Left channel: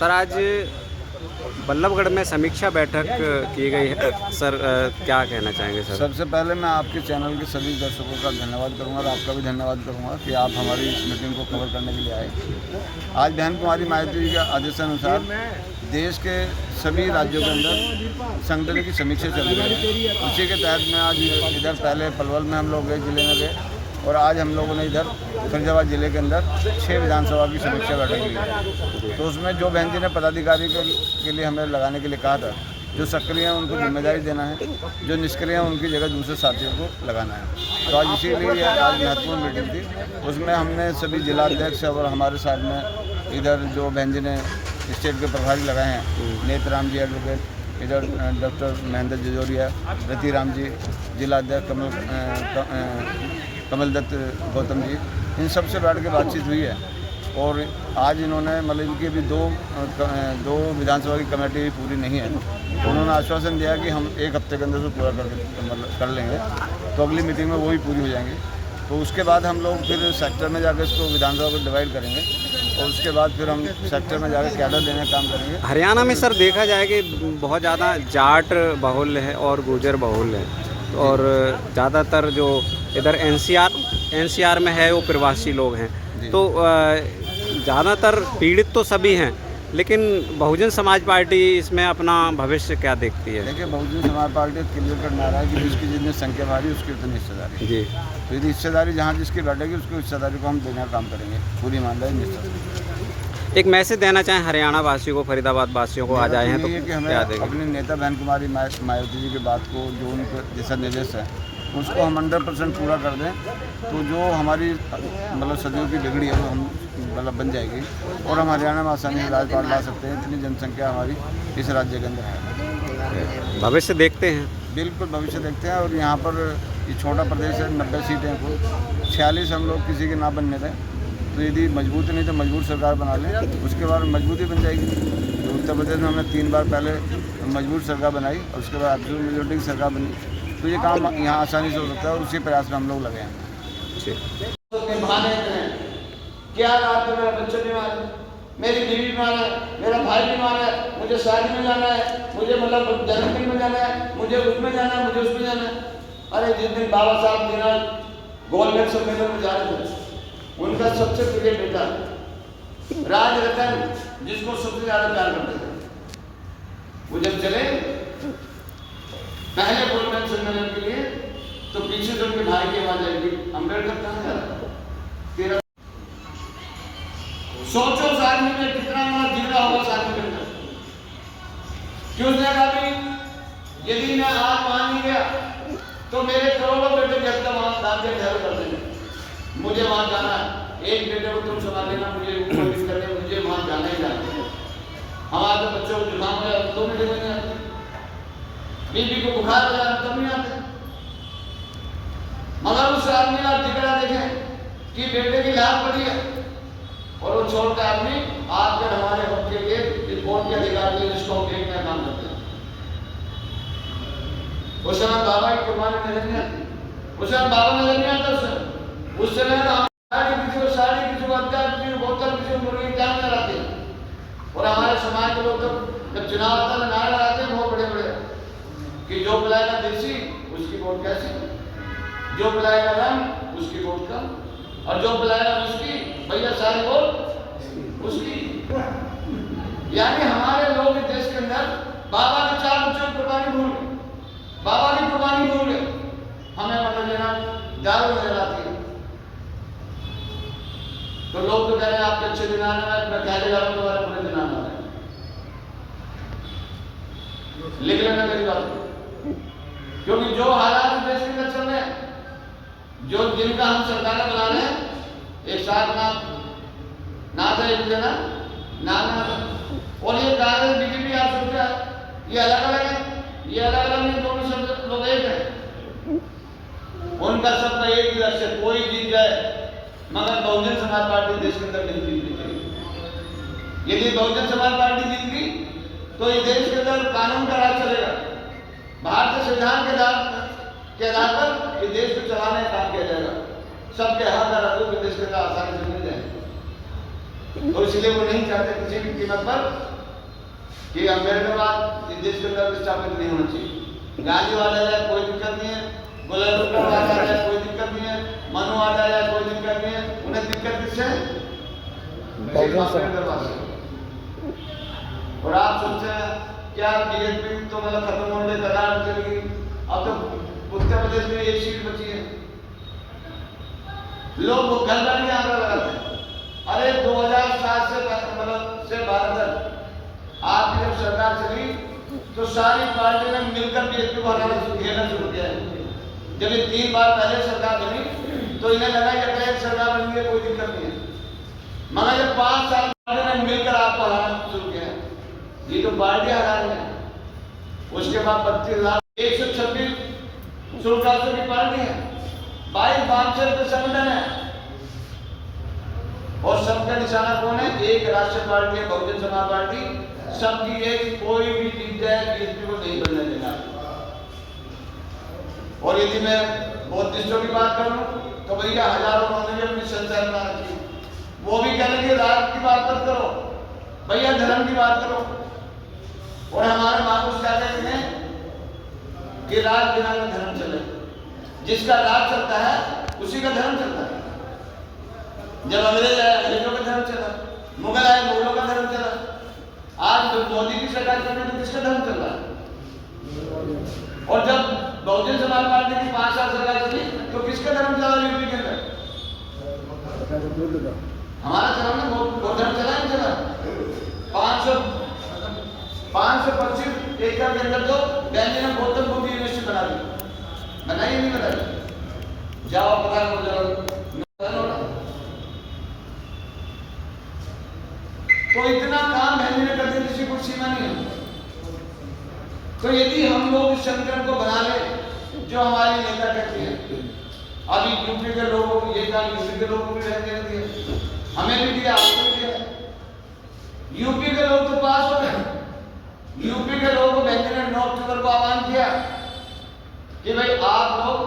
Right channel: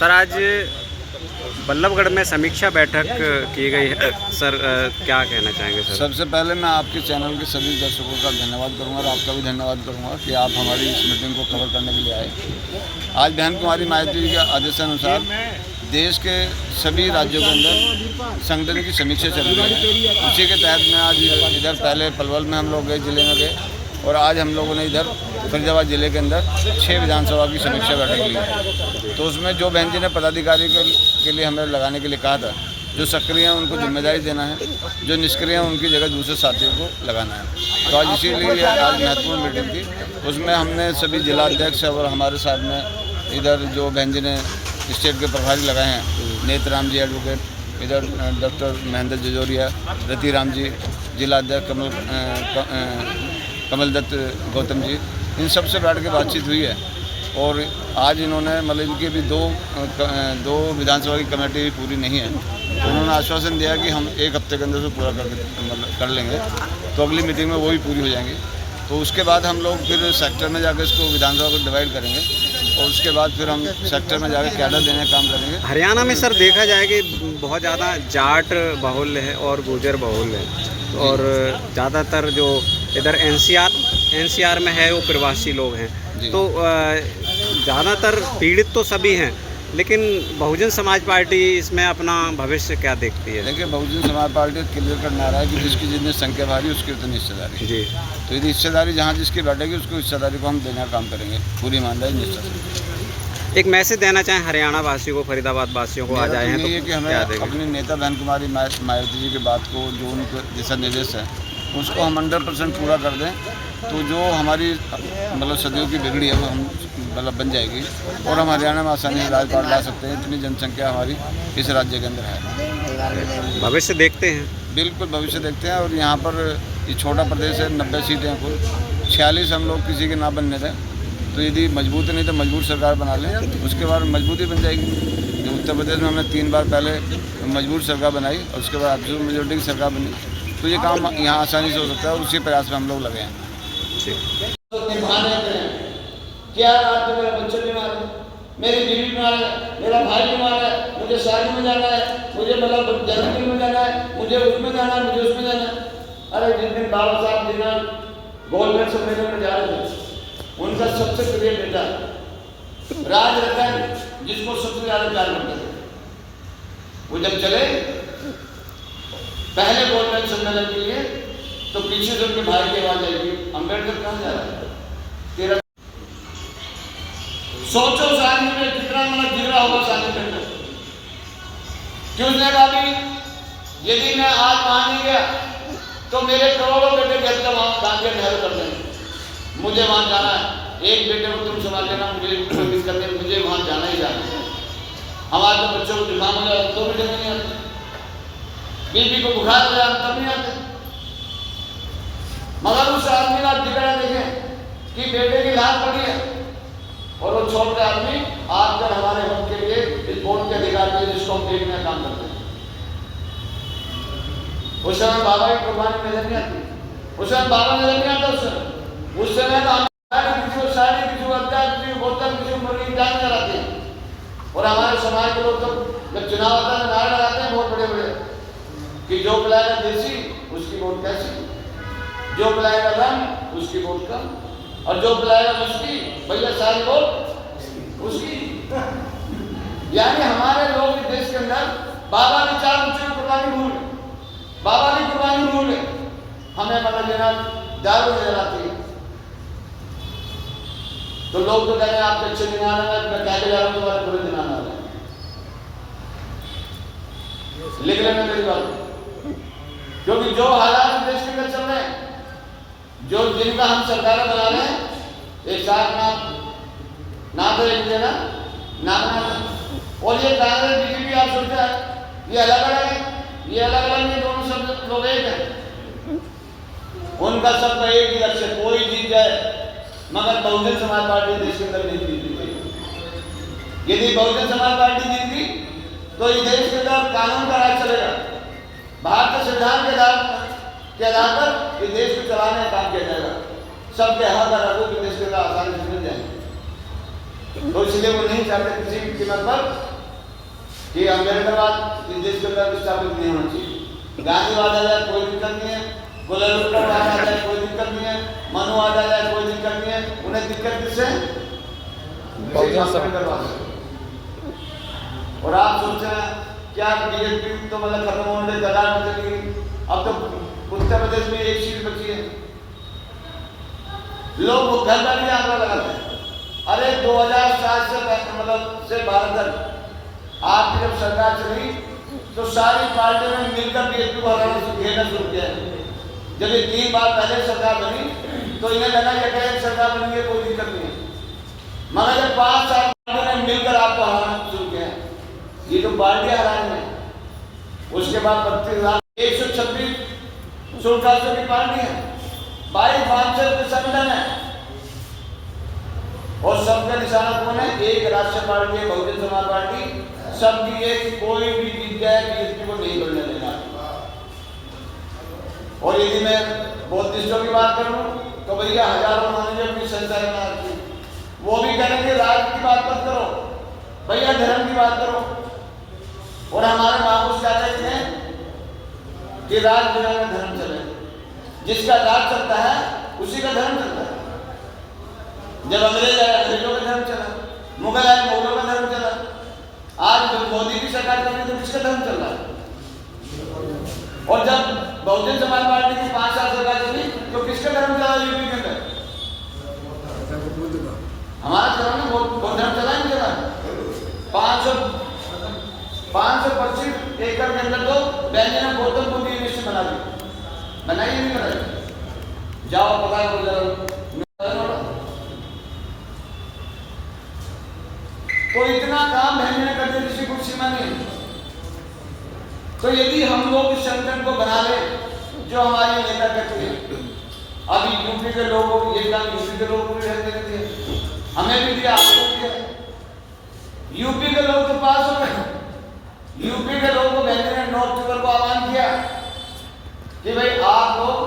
Sir आज बल्लभगढ़ में समीक्षा बैठक की गई है सर, क्या कहना चाहेंगे सर? सबसे पहले मैं आपके चैनल के सभी दर्शकों का धन्यवाद करूंगा और आपका भी धन्यवाद करूंगा कि आप हमारी इस मीटिंग को कवर करने के लिए आए। आज बहन कुमारी मायावती जी के आदेशानुसार देश के सभी राज्यों के अंदर संगठन की समीक्षा चल रही है। उसी के तहत मैं आज इधर पहले पलवल में हम लोग गए, जिले में गए, और आज हम लोगों ने इधर फरीदाबाद जिले के अंदर 6 विधानसभा की समीक्षा बैठक ली। तो उसमें जो बहन जी ने पदाधिकारी के लिए हमें लगाने के लिए कहा था, जो सक्रिय हैं उनको जिम्मेदारी देना है, जो निष्क्रिय हैं उनकी जगह दूसरे साथियों को लगाना है। तो आज इसीलिए आज महत्वपूर्ण मीटिंग थी। उसमें हमने सभी जिलाध्यक्ष और हमारे साथ में इधर जो बहन जी ने स्टेट के प्रभारी लगाए हैं, नेतराम जी एडवोकेट, इधर डॉक्टर महेंद्र जजोरिया, रतिराम जी जिलाध्यक्ष, कमल दत्त गौतम जी, इन सब से बैठ के बातचीत हुई है। और आज इन्होंने मतलब इनकी भी दो विधानसभा की कमेटी भी पूरी नहीं है, तो उन्होंने आश्वासन दिया कि हम 1 हफ्ते के अंदर से पूरा कर लेंगे। तो अगली मीटिंग में वो भी पूरी हो जाएंगी। तो उसके बाद हम लोग फिर सेक्टर में जाकर इसको विधानसभा को डिवाइड करेंगे और उसके बाद फिर हम सेक्टर में जाकर कैडर देने का काम करेंगे। हरियाणा में सर देखा जाए कि बहुत ज़्यादा जाट बहुल है और गुर्जर बहुल है, और ज़्यादातर जो इधर एनसीआर में है वो प्रवासी लोग हैं। तो ज़्यादातर पीड़ित तो सभी हैं, लेकिन बहुजन समाज पार्टी इसमें अपना भविष्य क्या देखती है? देखिए, बहुजन समाज पार्टी क्लियर कर नारा है कि जिसकी जितनी संख्या भारी उसकी उतनी हिस्सेदारी जी। तो यदि हिस्सेदारी जहाँ जिसकी बैठेगी उसको हिस्सेदारी को हम देने का काम करेंगे पूरी ईमानदारी निष्ठा से। एक मैसेज देना चाहें हरियाणा वासियों को, फरीदाबाद वासियों को आज आए हैं, तो ये कि हमें अपनी नेता बहन कुमारी मायावती जी की बात को, जो उनके दिशा निर्देश है, उसको हम 100% पूरा कर दें। तो जो हमारी मतलब सदियों की बिगड़ी है वो हम मतलब बन जाएगी और हम हरियाणा में आसानी से राजपाट ला सकते हैं। इतनी जनसंख्या हमारी इस राज्य के अंदर है। भविष्य देखते हैं? बिल्कुल भविष्य देखते हैं। और यहाँ पर ये छोटा प्रदेश है, 90 सीटें हैं कुल, 46 हम लोग किसी के ना बनने दें। तो यदि मजबूत नहीं तो मजबूत सरकार बना लें, उसके बाद मजबूती बन जाएगी। जो उत्तर प्रदेश में हमने 3 बार पहले मजबूत सरकार बनाई और उसके बाद एब्सोल्यूट मेजॉरिटी की सरकार बनी, तो ये काम यहाँ आसानी से हो सकता है और उसी प्रयास में हम लोग लगे हैं। क्या रात में मेरा बच्चा बीमार है, मेरी बीवी बीमार है, मेरा भाई बीमार है, मुझे शादी में जाना है, मुझे मतलब जन्मदिन में जाना है, मुझे उसमें जाना है, मुझे उसमें जाना है। अरे जिस दिन बाबा साहब दिना गोलमेज सम्मेलन में जा रहे थे, उनका सबसे प्रिय बेटा राज रतन, जिसको सबसे ज्यादा प्यार करते थे, वो जब चले पहले गोलमेज सम्मेलन के लिए, तो पीछे से उनके भाई की आवाज आएगी, अम्बेडकर कहाँ जा रहा है? तेरा सोचो उस आदमी में कितना मतलब जिगरा होगा उस आदमी के अंदर। क्यों? उसने कहा भी यदि मैं आज वहां नहीं गया तो मेरे करोड़ों बेटे की हत्या वहां गांधी ठहर कर देंगे। मुझे वहां जाना है, एक बेटे को तुम संभाल लेना, मुझे मिस करने, मुझे वहां जाना ही जाना है। हमारे तो बच्चों को जुकाम हो जाए 2 मिनट में नहीं आते, बीबी को बुखार हो जाए तब नहीं आते। मगर उस आदमी का जिगरा देखें कि बेटे की लाश पड़ी है और वो छोटे आदमी आकर हमारे हक के लिए, इस वोट के अधिकार के लिए जिसको हम देखने का काम करते हैं। उस समय बाबा की कुर्बानी नजर नहीं आती, उस समय बाबा नजर नहीं आता। उस समय किसी को साड़ी, किसी को हत्या, किसी को बोतल, किसी को मुर्गी जान नजर आती है। और हमारे समाज के लोग जब चुनाव आता है नारे लगाते हैं बहुत बड़े बड़े कि जो पिलाएगा देसी उसकी वोट कैसी, जो पिलाएगा रंग उसकी वोट कम, और जो पिलाएगा उसकी भैया सारी वोट उसकी। यानी हमारे लोग इस देश के अंदर बाबा के 4 बच्चों की कुर्बानी भूल गए, बाबा की कुर्बानी भूल गए। हमें मतलब लेना दारू नजर आती है। तो लोग तो कह रहे हैं आपके अच्छे दिन आना है, मैं कह के जा रहा हूँ तुम्हारे बुरे दिन आना है। लिख लेना मेरी बात, क्योंकि जो हालात देश के अंदर चल रहे हैं, जो जिनका हम सरकारें बना रहे हैं, एक साथ ना तो एक देना ना और ये कांग्रेस बीजेपी आप सुनते हैं, ये अलग अलग है, ये अलग अलग नहीं, दोनों सब लोग एक है। उनका सबका एक ही लक्ष्य, कोई जीत जाए मगर बहुजन समाज पार्टी देश के अंदर नहीं जीतनी चाहिए। यदि बहुजन समाज पार्टी जीत गई तो इस देश के अंदर कानून का राज चलेगा, भारतीय संविधान के आधार पर इस देश को चलाने का काम किया जाएगा। सबके हक और हकूक इस देश के अंदर आसानी से मिल जाएंगे। तो इसलिए वो नहीं चाहते किसी भी कीमत पर कि अम्बेडकरवाद इस देश के अंदर स्थापित नहीं होना चाहिए। गांधीवाद आ जाए कोई दिक्कत नहीं है, गोलवाद आ जाए कोई दिक्कत नहीं है, मनुवाद आ जाए कोई दिक्कत नहीं है। उन्हें दिक्कत किससे? अम्बेडकरवाद से। और आप सोचते हैं क्या बीजेपी तो मतलब खत्म होने के कगार पर चली गई, अब तो उत्तर प्रदेश में एक सीट बची है। लोग घर बैठे आंकड़ा लगाते हैं। अरे 2007 से मतलब से भारत तक आपकी जब सरकार चली तो सारी पार्टी ने मिलकर बीजेपी को हराना घेरना शुरू किया। जब ये 3 बार पहले सरकार बनी तो इन्हें लगा कि सरकार बनी है कोई दिक्कत नहीं है, मगर जब 5 साल पार्टी ने मिलकर आपको हराना शुरू किया, ये तो पार्टियां हरा रही है। उसके बाद 32,126 शुल्कासों की पार्टी है, 22 वांछित के संगठन है और सबका निशाना कौन है? एक राष्ट्रीय पार्टी है, बहुजन समाज पार्टी। सबकी एक कोई भी जीत जाए बीजेपी को नहीं बनने देगा। और यदि मैं बौद्धिस्टों की बात करूं तो भैया हजारों उन्होंने भी अपनी संस्था बना रखी, वो भी कहने की राज की बात मत करो भैया, धर्म की बात करो। और हमारे महापुरुष क्या कहते हैं कि राज बिना का धर्म चले, जिसका राज चलता है उसी का धर्म चलता है। जब अंग्रेज आए अंग्रेजों का धर्म चला, मुगल आए मुगलों का धर्म चला, आज मोदी की सरकार चल रही तो किसका धर्म चल रहा है? और जब बहुजन समाज पार्टी की 5 साल सरकार चली तो किसका धर्म चला यूपी के अंदर? हमारा चला ना, वो धर्म चला नहीं चला। 525 एकड़ के अंदर तो बैंजन ने गौतम बुद्ध यूनिवर्सिटी बना दी, बनाई नहीं बनाई? जाओ पता करो जरा। तो इतना काम बहन ने कर दिया, किसी को सीमा नहीं। तो यदि हम लोग इस संगठन को बना ले जो हमारे नेता कहते हैं, अभी यूपी के लोगों को ये काम यूपी के लोगों को भी देने दिया, हमें भी दिया, आपको भी दिया। यूपी के लोग तो पास हो गए। यूपी के लोगों को बहन ने 9 अक्टूबर को आह्वान किया कि भाई आप लोग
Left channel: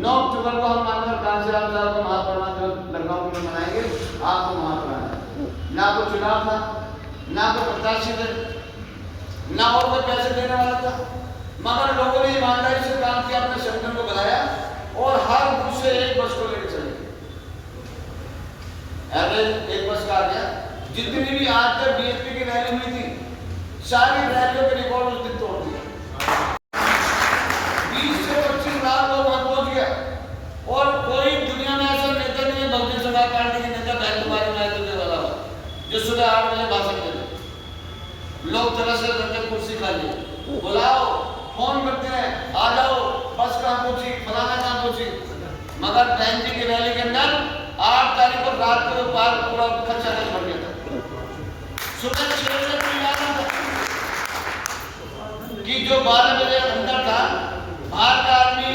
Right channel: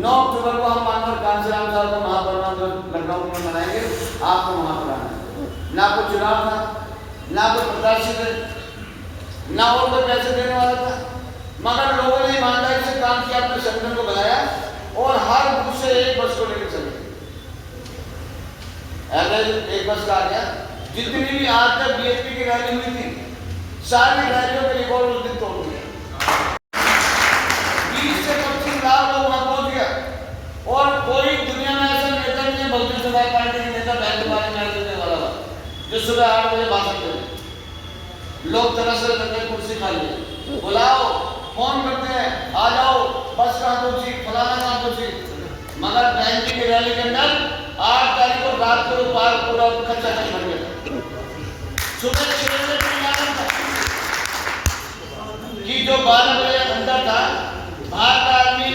9 अक्टूबर को हम माननीय कांशीराम साहब का महापरिनिर्वाण जो लखनऊ में मनाएंगे, आपको वहां पर आना है। ना कोई चुनाव था, ना कोई प्रत्याशी थे, ना और कोई पैसे देने वाला था, मगर लोगों ने ईमानदारी से काम किया, अपने संगठन को बनाया और हर बूथ से एक बस को लेकर चले। एवरेज एक बस का आ गया। जितनी भी आज तक बीएसपी की रैली हुई थी, सारी रैलियों के रिकॉर्ड उस दिन तोड़ दिए। 20 से 25 लाख लोग वहां पहुंच गए और कोई दुनिया में ऐसा नेता नहीं है, बहुजन समाज पार्टी के नेता बैठ मारे न्याय देने वाला जो सुबह 8 बजे भाषण देते। लोग तरस रहे करते कुर्सी खाली, बुलाओ, फोन करते हैं, आ जाओ, बस कहाँ पहुंची, फलाना कहाँ पहुंची। मगर बहन जी की रैली के अंदर 8 तारीख को रात को पार पूरा खच्चा खच भर गया। सुबह 6 बजे कि जो 12 बजे अंदर था, बाहर का आदमी,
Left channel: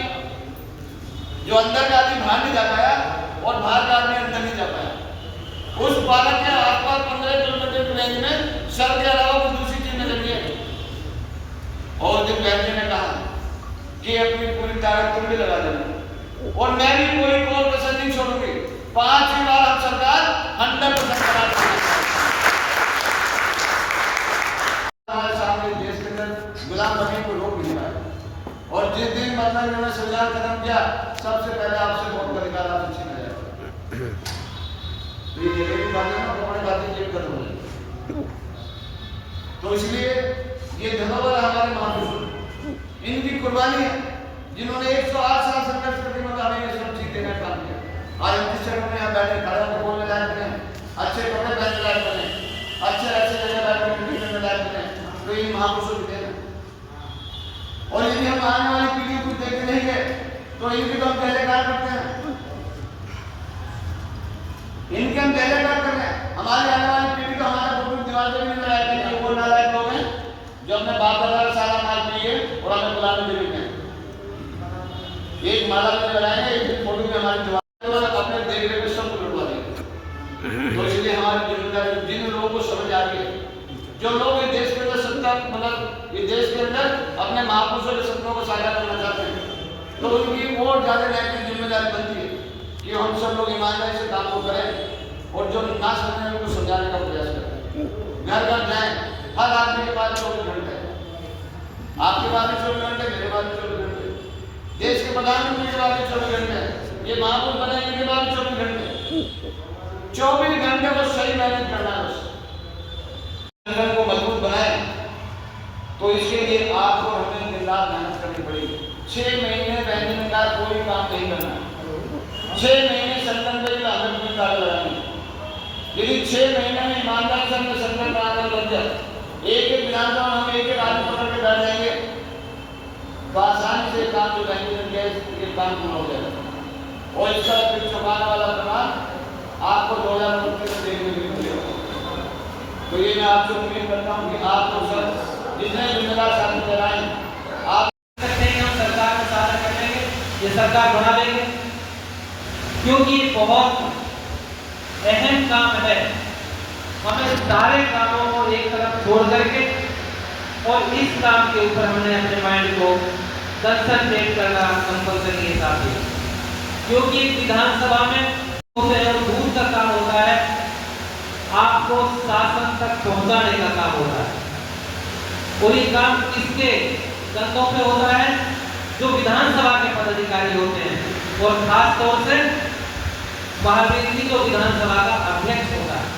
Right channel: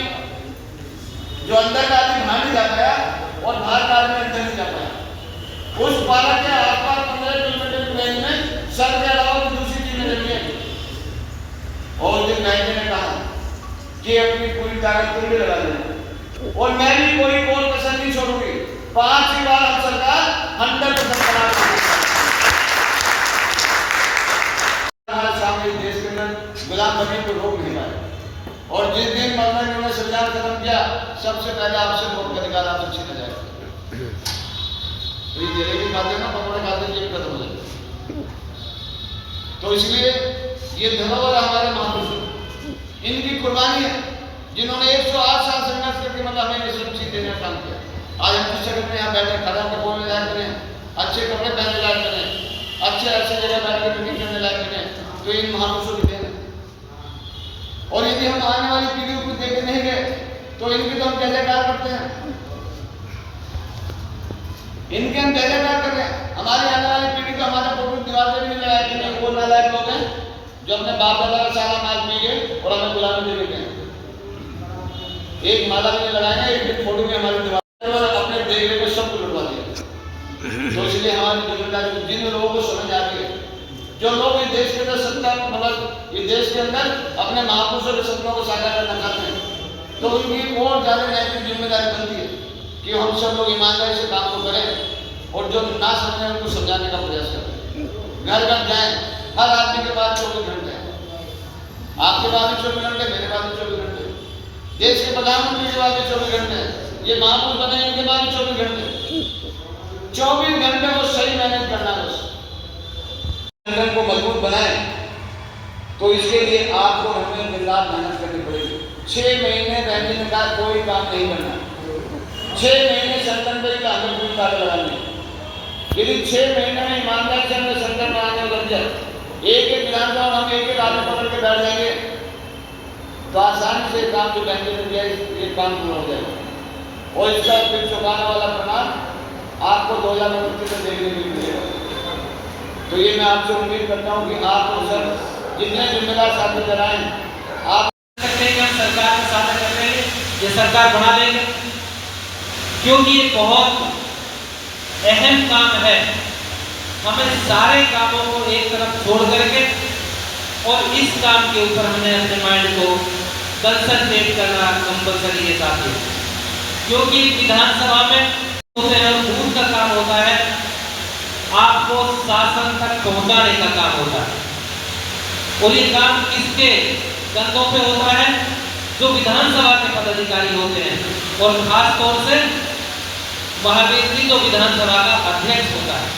जो अंदर का आदमी बाहर नहीं जा पाया और बाहर का आदमी अंदर नहीं जा पाया। उस 12 के आसपास 15 किलोमीटर की रेंज में सर के अलावा कोई दूसरी चीज नजर नहीं आई। और जब बहन ने कहा कि अपनी पूरी ताकत तुम भी लगा देना और मैं भी कोई और कसर नहीं छोड़ूंगी, 5 बार हम सरकार 100% बना देंगे। हमारे सामने देश के अंदर गुलाम बनी को रोक नहीं पाया। और जिस दिन मतलब इन्होंने संविधान खत्म किया, सबसे पहले आपसे वोट का अधिकार आपसे छीना जाएगा। तो ये जलेबी खाते ना, पकौड़े खाते ये खत्म हो जाए। तो इसलिए ये धन्यवाद हमारे महापुरुषों, इनकी कुर्बानी है, जिन्होंने 108 साल संघर्ष करके मतलब हमें ये सब चीज देने का काम किया। आज हम जिस जगह में यहाँ बैठे, खड़ा होकर बोलने लायक बने, अच्छे कपड़े पहनने लायक बने, अच्छे जगह बैठकर मीटिंग करने लायक बने, तो इन महापुरुषों की देन है। और यदि हम आने वाली पीढ़ियों को देखते नहीं गए तो इनकी तो हम जयकार करते हैं, इनके हम जयकार कर रहे हैं। हमारी आने वाली पीढ़ी को हमारे फोटो दीवार से भी नहीं लगाया करेंगे। वो नालायक लोग हैं जो अपने बाप दादा का सारा माल पी गए और हमें गुलामी दे देते हैं। एक माला भी नहीं लगाएंगे, एक फोटो भी हमारी दीवार और अपने देखने को सब लुटवा देंगे। तो इसलिए हमारी जिम्मेदारी, जिन लोगों को समझ आ गई, जो लोग इस देश के अंदर सत्ता मतलब इस देश के अंदर अपने महापुरुषों के सपनों को साकार करना चाहते हैं, तो उनकी और ज्यादा नैतिक जिम्मेदारी बनती है कि हम सब लोग ईमानदारी से काम को करें और जो ना समझे उनको समझाने का प्रयास करें। घर घर जाए, हर आदमी के पास 24 घंटे हैं, आपके पास भी 24 घंटे, मेरे पास भी 24 घंटे, देश के प्रधानमंत्री के पास भी 24 घंटे हैं, ये महापुरुष बने इनके पास भी 24 घंटे। 24 घंटे को सही मैनेज करना है। बस संगठन को मजबूत बनाए तो इसके लिए आपको हमें दिन रात मेहनत करनी पड़ेगी। 6 महीने बहनी ने कहा कोई काम नहीं करना, 6 महीने संगठन पर हमें पूरी ताकत लगानी है। यदि 6 महीने में ईमानदारी से हमने संगठन बनाने लग जाए, एक एक विधानसभा हम एक एक आदमी पकड़ के बैठ जाएंगे तो आसानी से काम जो बैंकिंग में किया ये काम पूरा हो जाएगा और इसका फिर चुकाने वाला परिणाम आपको 2029 में देखने के लिए मिलेगा। तो ये मैं आपसे उम्मीद करता हूँ कि आप लोग सब जितने जिम्मेदार साथी कराएं, आप सरकार के साथ कर लेंगे, ये सरकार बना लेंगे, क्योंकि ये बहुत अहम काम है। हमें सारे कामों को एक तरफ छोड़ करके और इस काम के ऊपर हमें अपने माइंड को कंसंट्रेट करना कंपलसरी है साथी, क्योंकि विधानसभा में होते हैं और दूर का काम होता है, आपको शासन तक पहुंचाने का काम होता है। और ये काम किसके कंधों पे होता है? जो विधानसभा के पदाधिकारी होते हैं, और खास तौर से महावीर जी जो विधानसभा का अध्यक्ष होता है।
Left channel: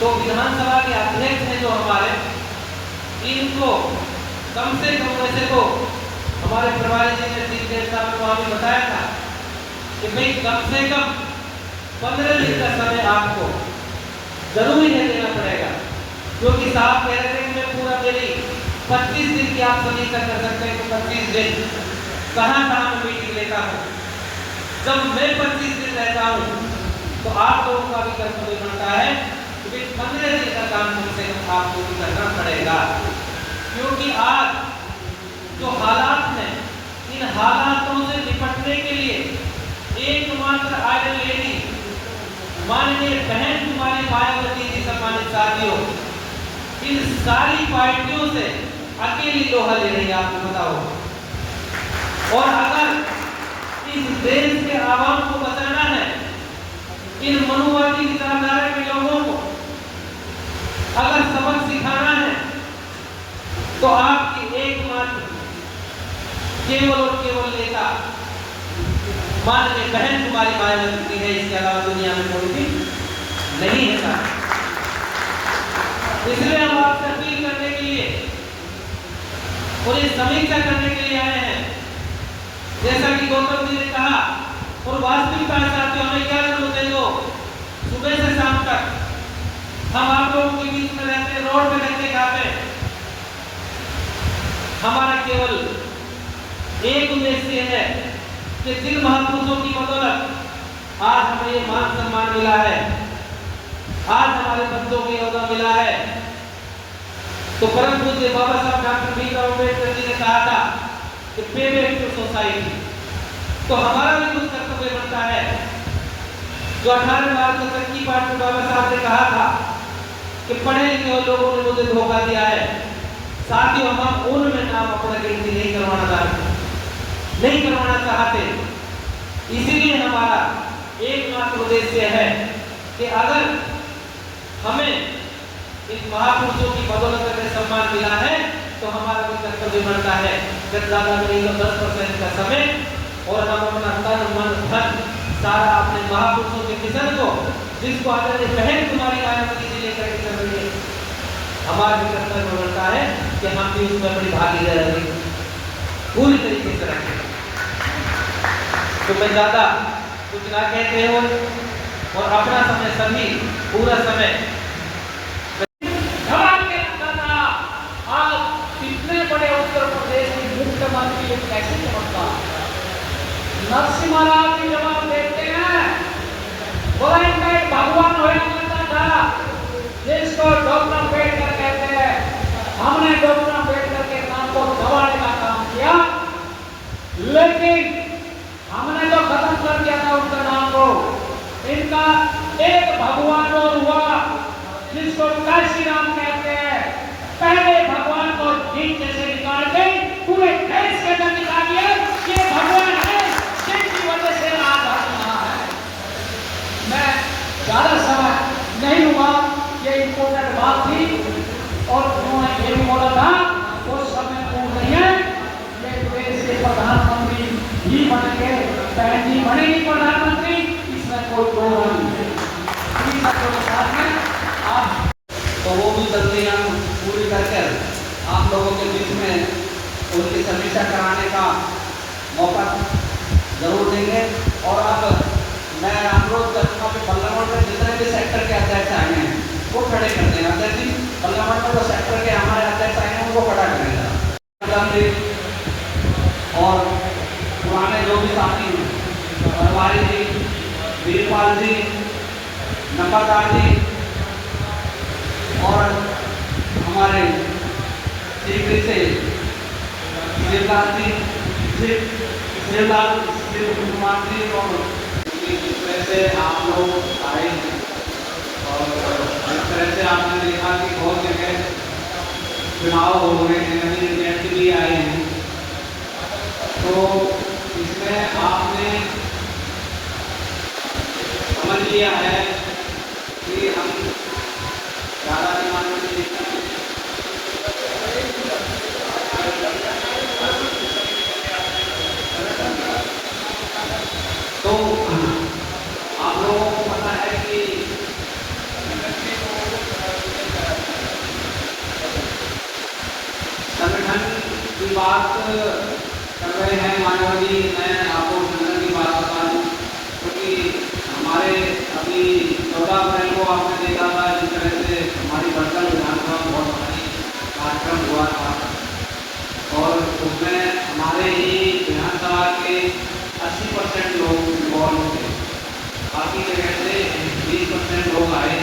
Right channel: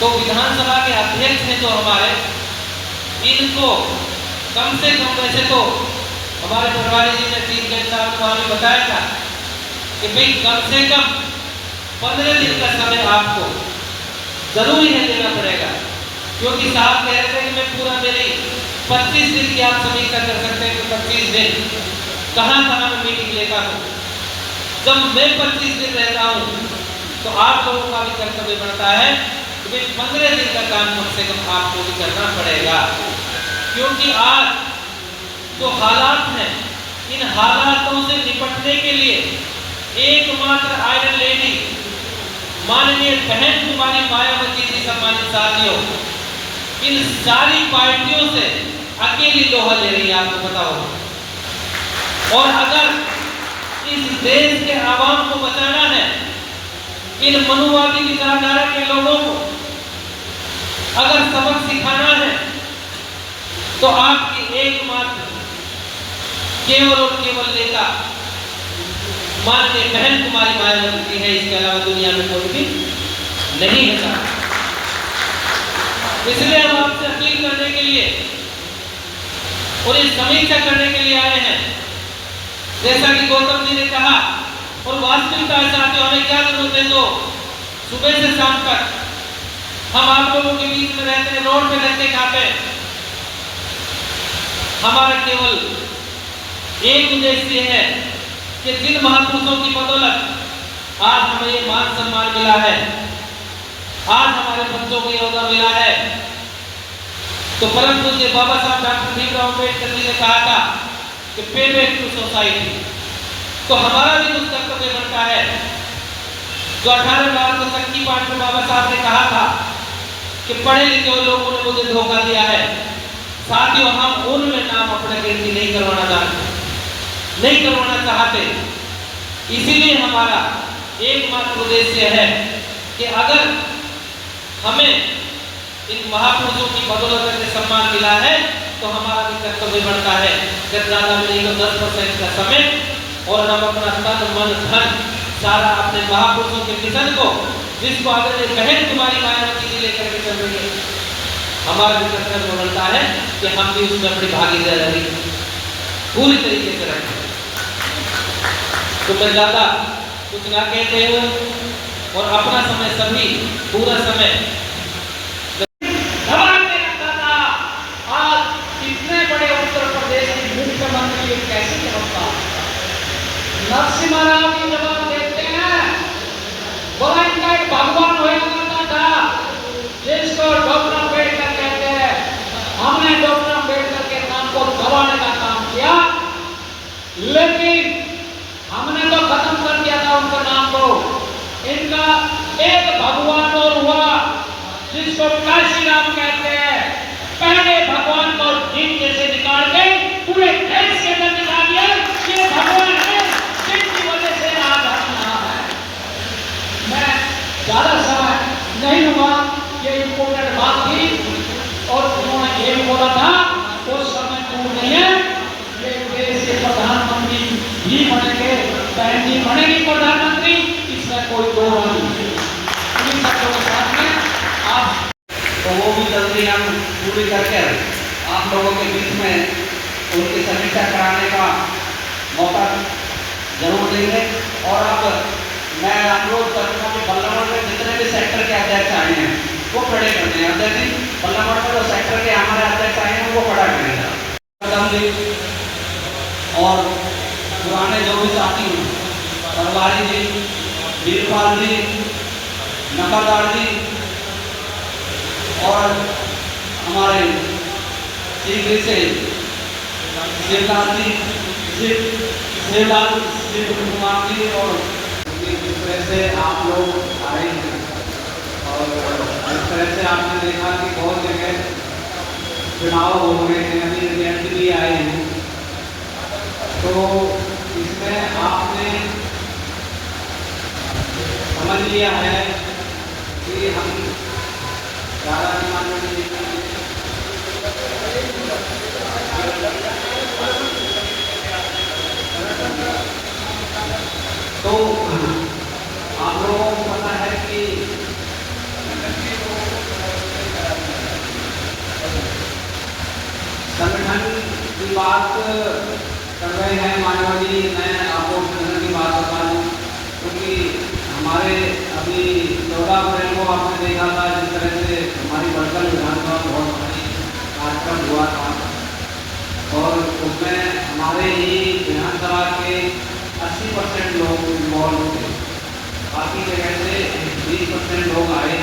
तो विधानसभा के अध्यक्ष हैं जो हमारे, इनको कम से कम, वैसे तो हमारे प्रभारी जी ने चीफ गेस्ट साहब को हमें बताया था कि भाई कम से कम 15 दिन का समय आपको जरूरी है देना पड़ेगा, क्योंकि साहब कह रहे थे कि मैं पूरा मेरी 25 दिन की आप समीक्षा कर सकते हैं कि 25 दिन कहाँ मैं मीटिंग लेता हूँ। जब मैं 25 दिन रहता हूँ तो आप लोगों का भी कर्तव्य बनता है कि भाई 15 दिन का काम कम से कम आपको भी करना पड़ेगा, क्योंकि आज जो हालात हैं, इन हालातों से निपटने के लिए एकमात्र आयरन लेडी माननीय बहन कुमारी मायावती जी, सम्मानित साथियों, इन सारी पार्टियों से अकेली लोहा ले रही है, आपको बताओ। और अगर इस देश के आवाम को बचाना है, इन मनुवादी विचारधारा के लोगों को अगर सबक सिखाना है, तो आपकी एकमात्र केवल और केवल नेता माननीय बहन कुमारी मायावती है, इसके अलावा दुनिया में कोई भी नहीं है। इसलिए हम आपसे अपील करने के लिए और ये समीक्षा करने के लिए आए हैं, जैसा कि गौतम जी ने कहा, और वास्तविकता चाहते हो हमें क्या जरूरत है, जो सुबह से शाम तक हम आप लोगों के बीच में रहते हैं, रोड पे रहते खाते, हमारा केवल एक उद्देश्य है कि जिन महापुरुषों की बदौलत आज हमें ये मान सम्मान मिला है, आज हमारे बच्चों को योगदान मिला है। तो परम पूज्य बाबा साहब डॉक्टर भीमराव अम्बेडकर जी ने कहा था कि पे बैक टू सोसाइटी। तो हमारा भी कुछ कर्तव्य बनता है, जो 18 मार्च की पाठ में बाबा साहब ने कहा था कि पढ़े लिखे हुए लोगों ने मुझे धोखा दिया है। साथियों, हम उनमें नाम अपना गिनती नहीं करवाना चाहते। इसीलिए हमारा एकमात्र उद्देश्य है कि अगर हमें इन महापुरुषों की बदौलत में सम्मान मिला है, तो हमारा भी कर्तव्य बनता है कि ज़्यादा मिलेगा 10% का समय, और हम अपना तन मन धन सारा अपने महापुरुषों के मिशन को, जिसको आदरणीय बहन कुमारी मायावती जी लेकर के चल रही है, हमारा भी कर्तव्य बनता है कि हम भी उसमें अपनी भागीदारी पूरी तरीके से रखें। तो मैं ज़्यादा कुछ ना कहते हो और अपना समय सभी पूरा समय दबा के रखा था। आज इतने बड़े उत्तर प्रदेश की मुख्यमंत्री कैसे चमकता? नरसिम्हा राव जी जवाब देते हैं, बोला इनका एक भगवान हुआ करता था जिसको डॉक्टर अम्बेडकर कहते हैं। हमने डॉक्टर अम्बेडकर के नाम को दबाने का काम किया, लेकिन हमने तो खत्म कर दिया था उनका नाम को। इनका एक भगवान और हुआ जिसको काशी राम कहते हैं। पहले भगवान को नीचे से निकाल के पूरे देश के अंदर निकाल दिया। ये भगवान है जिनकी वजह से आज हम यहाँ है। मैं ज़्यादा समय नहीं हुआ, ये इम्पोर्टेंट बात थी और उन्होंने ये भी बोला था वो समय दूर नहीं है, ये देश के प्रधानमंत्री भी बनेंगे, बहन जी बनेगी प्रधानमंत्री, इसमें कोई दो नहीं है। इन शब्दों के साथ में आप तो वो भी जल्दी हम पूरी करके आप लोगों के बीच में उनकी समीक्षा कराने का मौका जरूर देंगे। और अब मैं अनुरोध करूँगा कि बल्लभगढ़ में जितने भी सेक्टर के अध्यक्ष आए हैं वो खड़े करते हैं। अध्यक्ष जी, बल्लभगढ़ में जो सेक्टर के हमारे अध्यक्ष आए हैं उनको खड़ा करेंगे और पुराने जो भी साथी हैं, सरवारी जी, वीरपाल जी, नकादार जी और हमारे शीघ्र से शिवलाल जी, शिवलाल कुमार जी और इस तरह से आप लोग आए हैं और इस तरह से आपने देखा कि बहुत जगह चुनाव हो रहे हैं, नवीन अभ्यर्थी भी आए हैं, तो इसमें आपने समझ लिया है कि हम ज़्यादा दिमाग में तो आप लोगों को पता है कि संगठन की बात कर रहे हैं मानवा जी। मैं आपको संगठन की बात बता दूँ क्योंकि हमारे अभी 14 अप्रैल को आपने देखा था जिस तरह से हमारी वर्चुअल विधानसभा बहुत बड़ी कार्यक्रम हुआ था और उसमें हमारे ही विधानसभा के 80% लोग इन्वॉल्व थे, बाकी जगह से 20% लोग आए